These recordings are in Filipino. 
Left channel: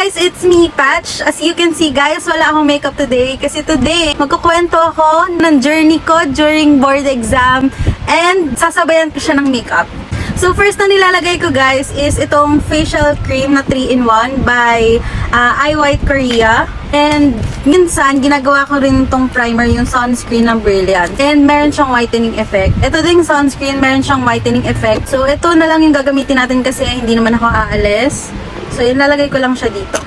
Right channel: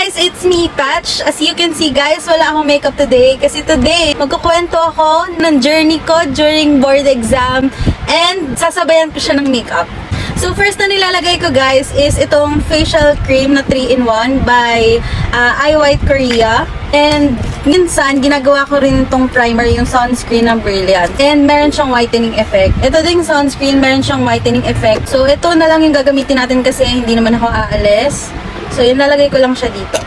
guys! It's me, Patch. As you can see guys, wala akong makeup today kasi today magkukwento ako ng journey ko during board exam and sasabayan ko siya ng makeup. So first na nilalagay ko guys is itong facial cream na 3-in-1 by Eye White Korea. And minsan, ginagawa ko rin itong primer, yung sunscreen ng Brilliant. And meron siyang whitening effect. Ito ding sunscreen, meron siyang whitening effect. So ito na lang yung gagamitin natin kasi hindi naman ako aalis. So yun, lalagay ko lang siya dito.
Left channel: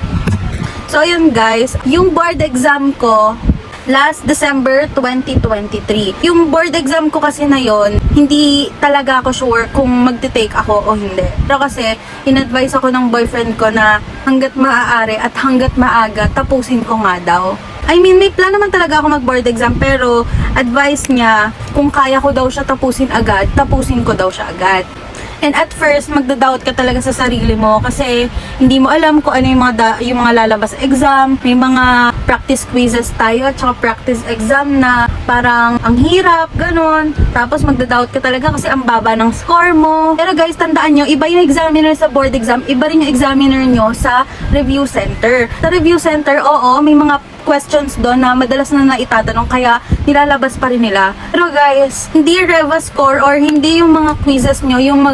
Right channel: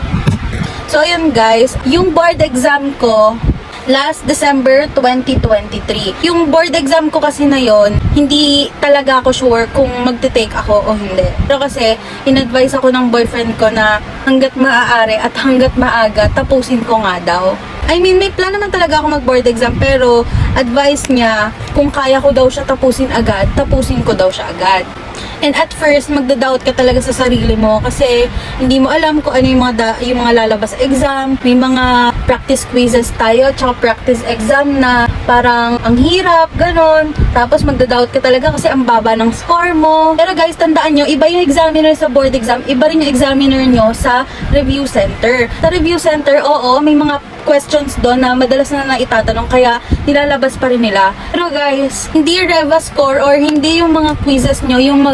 So ayun guys, yung board exam ko last December 2023. Yung board exam ko kasi na yon, hindi talaga ako sure kung magte-take ako o hindi. Pero kasi, in-advise ako ng boyfriend ko na hanggat maaari at hanggat maaga, tapusin ko nga daw. I mean, may plan naman talaga ako mag-board exam, pero advice niya, kung kaya ko daw siya tapusin agad, tapusin ko daw siya agad. And at first, magda-doubt ka talaga sa sarili mo kasi hindi mo alam kung ano yung mga lalabas exam. May mga practice quizzes tayo at saka practice exam na parang ang hirap, ganun. Tapos magda-doubt ka talaga kasi ang baba ng score mo. Pero guys, tandaan nyo, iba yung examiner sa board exam, iba rin yung examiner nyo sa review center. Sa review center, oo, may mga questions doon na madalas na naitatanong kaya nilalabas pa rin nila. Pero guys, hindi Reva score or hindi yung mga quizzes nyo yung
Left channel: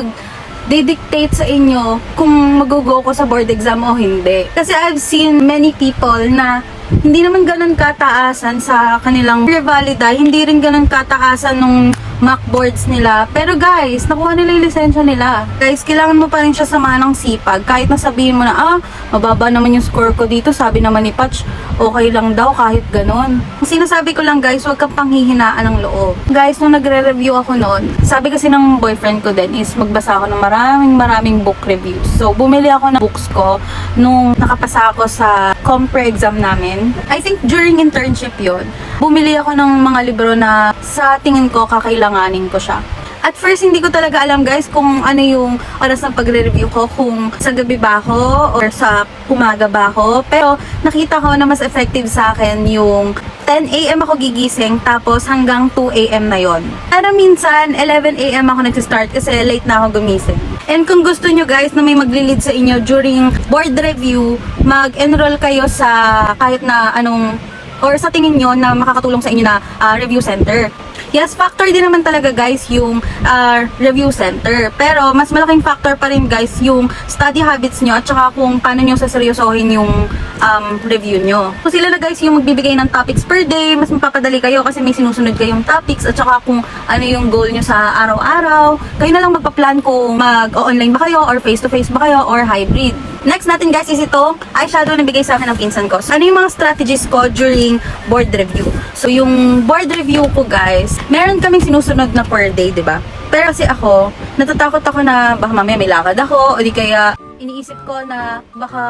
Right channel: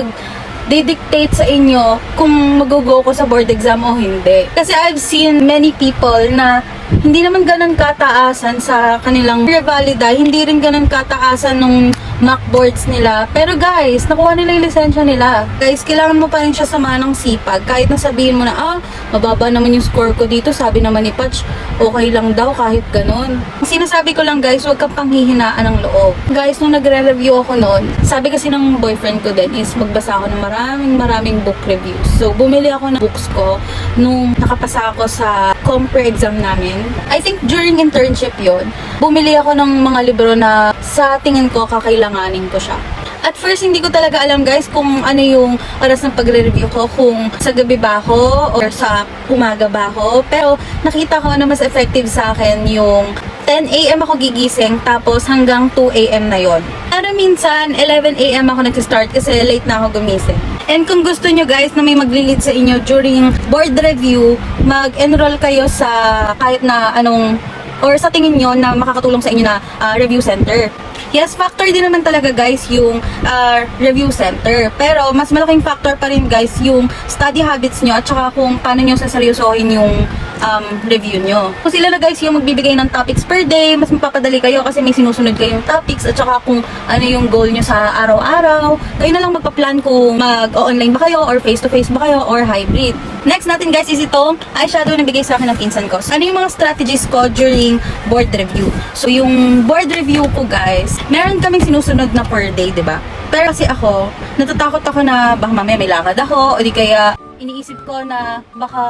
dictate sa inyo kung mag-go ko sa board exam o hindi. Kasi I've seen many people na hindi naman ganun kataasan sa kanilang revalida, hindi rin ganun kataasan nung mock boards nila. Pero guys, nakuha nila yung lisensya nila. Guys, kailangan mo pa rin siya samahan ng sipag. Kahit nasabihin mo na, mababa naman yung score ko dito, sabi naman ni Patch, okay lang daw kahit ganun. Sinasabi ko lang guys, huwag kang panghihinaan ng loob. Guys, nung nagre-review ako noon, sabi kasi ng boyfriend ko din is magbasa ako ng maraming book reviews. So, bumili ako ng books ko nung nakapasa ako sa compre exam namin. I think during internship yon, bumili ako ng mga libro na sa tingin ko kakailanganin ko siya. At first, hindi ko talaga alam guys kung ano yung oras ng pagre-review ko, kung sa gabi ba ako or sa umaga ba ako. Pero nakita ko na mas effective sa akin yung 10 AM ako gigising tapos hanggang 2 AM na yon. Pero minsan, 11 AM ako nagsistart kasi late na ako gumising. And kung gusto nyo guys na may magli-lead sa inyo during board review, mag-enroll kayo sa kahit na anong or sa tingin nyo na makakatulong sa inyo na review center. Yes, factor din naman talaga guys yung review center. Pero mas malaking factor pa rin guys yung study habits nyo at saka kung paano nyo saseryosohin yung review nyo. Kung sila na guys yung magbibigay ng topics per day, mas mapapadali kayo kasi may sinusunod kayong topics at saka kung ano yung goal nyo sa araw-araw. Kayo na lang magpa-plan kung mag-online ba kayo or face-to-face ba kayo or hybrid. Next natin guys is itong eyeshadow na bigay sa akin ng pinsan ko. So, ano yung mga strategies ko during board review? So yung board review ko guys, meron kaming sinusunod na per day, di ba? Pero kasi ako, natatakot ako na baka mamaya may lakad ako o di kaya iniisip ko na baka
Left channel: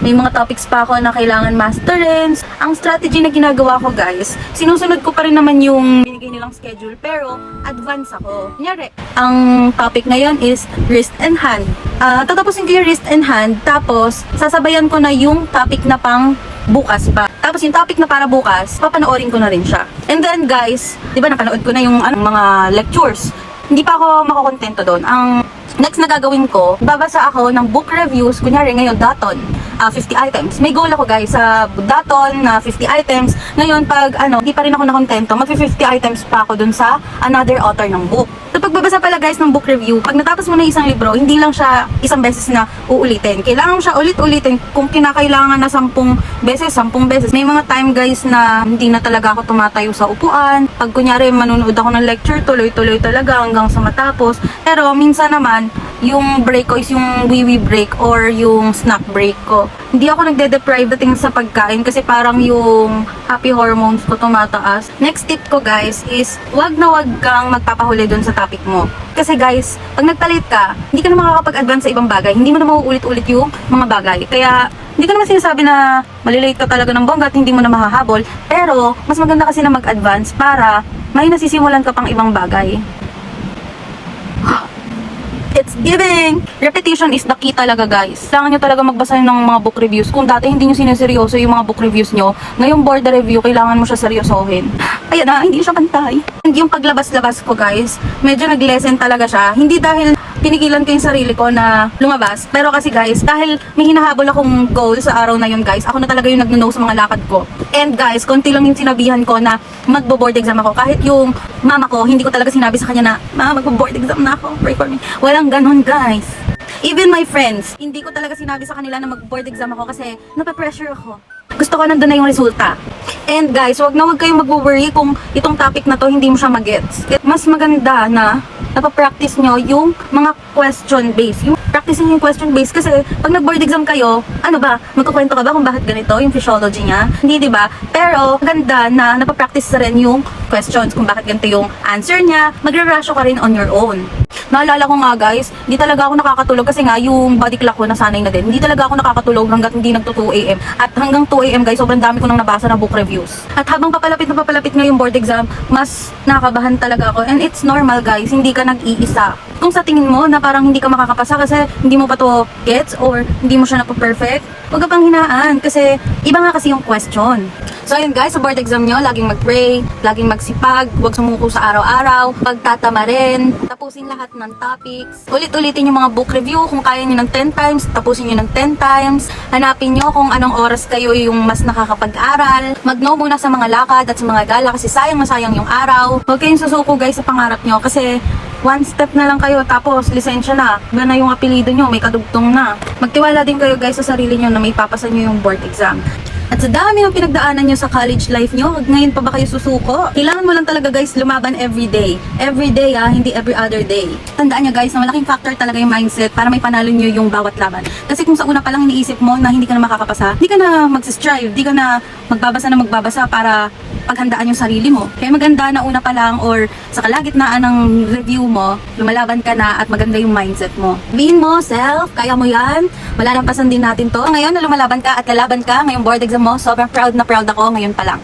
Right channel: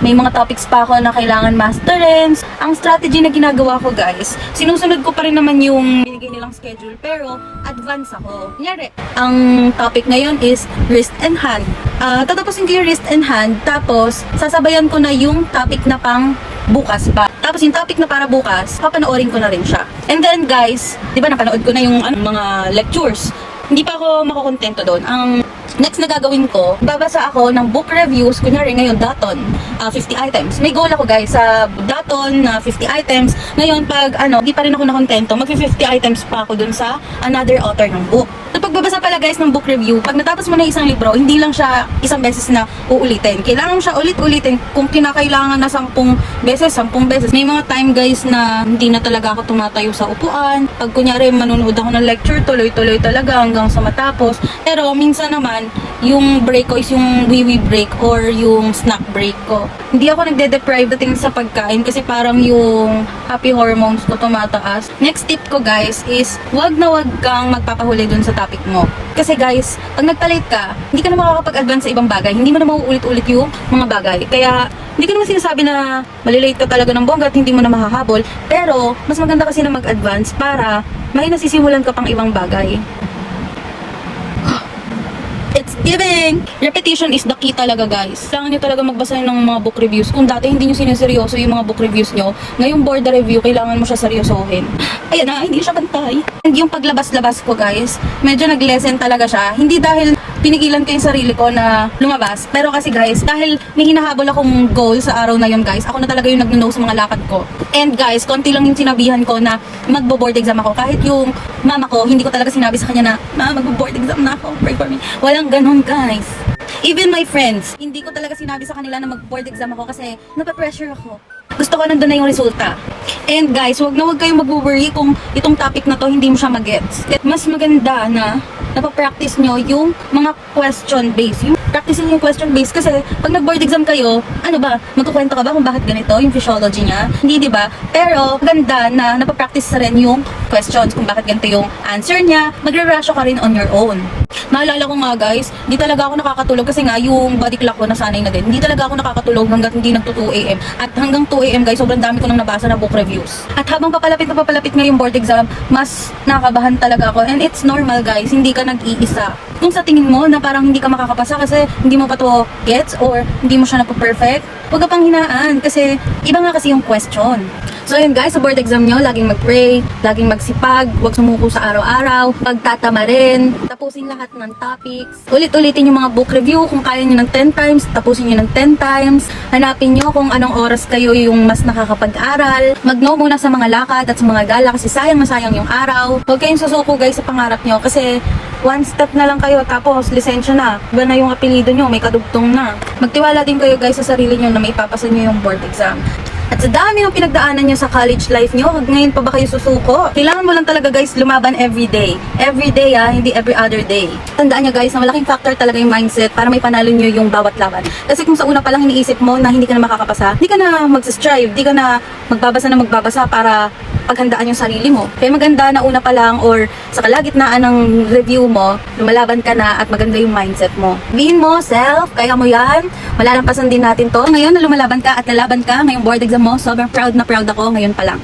may mga topics pa ako na kailangan masterin. Ang strategy na ginagawa ko guys, sinusunod ko pa rin naman yung binigay nilang schedule pero advance ako. Kunyari, ang topic ngayon is wrist and hand. Tatapusin ko yung wrist and hand tapos sasabayan ko na yung topic na pang bukas pa. Tapos yung topic na para bukas, papanoorin ko na rin siya. And then guys, di ba napanood ko na yung mga lectures. Hindi pa ako makokontento doon. Ang next na gagawin ko, babasa ako ng book reviews, kunyari ngayon, Daton, 50 items. May goal ako guys sa Daton na 50 items. Ngayon, pag hindi pa rin ako nakontento, mag-50 items pa ako dun sa another author ng book. So, pagbabasa pala guys ng book review, pag natapos mo na isang libro, hindi lang siya isang beses na uulitin. Kailangan mo siya ulit-ulitin kung kinakailangan na 10 beses. May mga time guys na hindi na talaga ako tumatayo sa upuan. Pag kunyari manunood ako ng lecture, tuloy-tuloy talaga hanggang sa matapos. Pero minsan naman, yung break ko is yung wee-wee break or yung snack break ko. Hindi ako nagde-deprive dating sa pagkain kasi parang yung happy hormones ko tumataas. Next tip ko guys is wag kang magpapahuli dun sa topic mo. Kasi guys, pag nagtalit ka, hindi ka na makakapag-advance sa ibang bagay. Hindi mo na mauulit-ulit yung mga bagay. Kaya hindi ko naman sinasabi na malilate ka talaga ng bongga at hindi mo na mahahabol. Pero mas maganda kasi na mag-advance para may nasisimulan ka pang ibang bagay. It's giving! Repetition is the key talaga guys. Kailangan nyo talaga magbasa ng mga book reviews. Kung dati hindi nyo sineseryoso yung mga book reviews nyo, ngayong board review, kailangan mo siya seryosohin. Ayan na, hindi siya pantay. And yung paglabas-labas ko guys, medyo nag-lesson talaga siya. Hindi dahil pinigilan ko yung sarili ko na lumabas. Pero kasi guys, dahil may hinahabol akong goal sa araw na yun guys, ako na talaga yung nag-no sa mga lakad ko. And guys, konti lang yung sinabihan ko na magbo-board exam ako. Kahit yung mama ko, hindi ko talaga sinabi sa kanya na, ma, magbo-board exam na ako, pray for me. Walang ganun guys. Even my friends, hindi ko talaga sinabi sa kanila na mag-board exam ako kasi nape-pressure ako. Gusto ko nandun na yung resulta. And guys, wag kayong mag-worry kung itong topic na to hindi mo siya mag-gets. Mas maganda na napapractice nyo yung mga question based. Yung practicing yung question based kasi pag nag-board exam kayo, ano ba, magkukwento ka ba kung bakit ganito, yung physiology niya? Hindi, di ba? Pero ganda na napapractice rin yung questions kung bakit ganito yung answer niya. Magre-ratio ka rin on your own. Naalala ko nga guys, di talaga ako nakakatulog kasi nga yung body clock ko nasanay na din. Hindi talaga ako nakakatulog hanggat hindi nagto 2 AM. At hanggang 2 AM guys, sobrang dami ko nang nabasa na book reviews. At habang papalapit nga yung board exam, mas nakabahan talaga ako. And it's normal guys, hindi ka nag-iisa. Kung sa tingin mo na parang hindi ka makakapasa kasi hindi mo pa to gets or hindi mo siya napo-perfect, huwag ka pang hinaan kasi iba nga kasi yung question. So ayun guys, sa board exam nyo, laging mag-pray, laging magsipag, huwag sumuko sa araw-araw, pagtatama rin, tapusin lahat ng topics, ulit-ulitin yung mga book review, kung kaya nyo ng 10 times, tapusin nyo ng 10 times, hanapin nyo kung anong oras kayo yung mas nakakapag-aral, mag-no muna sa mga lakad at sa mga gala kasi sayang na sayang yung araw. Huwag kayong susuko guys sa pangarap nyo kasi one step na lang kayo tapos lisensya na, iba na yung apelido nyo, may kadugtong na. Magtiwala din kayo guys sa sarili nyo na may papasa nyo yung board exam. At sa dami ng pinagdaanan nyo sa college life nyo, ngayon pa ba kayo susuko? Kailangan mo lang talaga guys lumaban every day. Every day hindi every other day. Tandaan nyo guys na malaking factor talaga yung mindset para may panalo nyo yung bawat laban. Kasi kung sa una pa lang iniisip mo na hindi ka na makakapasa, hindi ka na mag-strive, hindi ka na magbabasa para paghandaan yung sarili mo. Kaya maganda na una pa lang or sa kalagitnaan ng review mo, lumalaban ka na at maganda yung mindset mo. Sabihin mo, self, kaya mo yan. Malalampasan din natin to. Ngayon na lumalaban ka at lalaban ka ngayong board exam mo, sobrang proud na proud ako ngayon pa lang.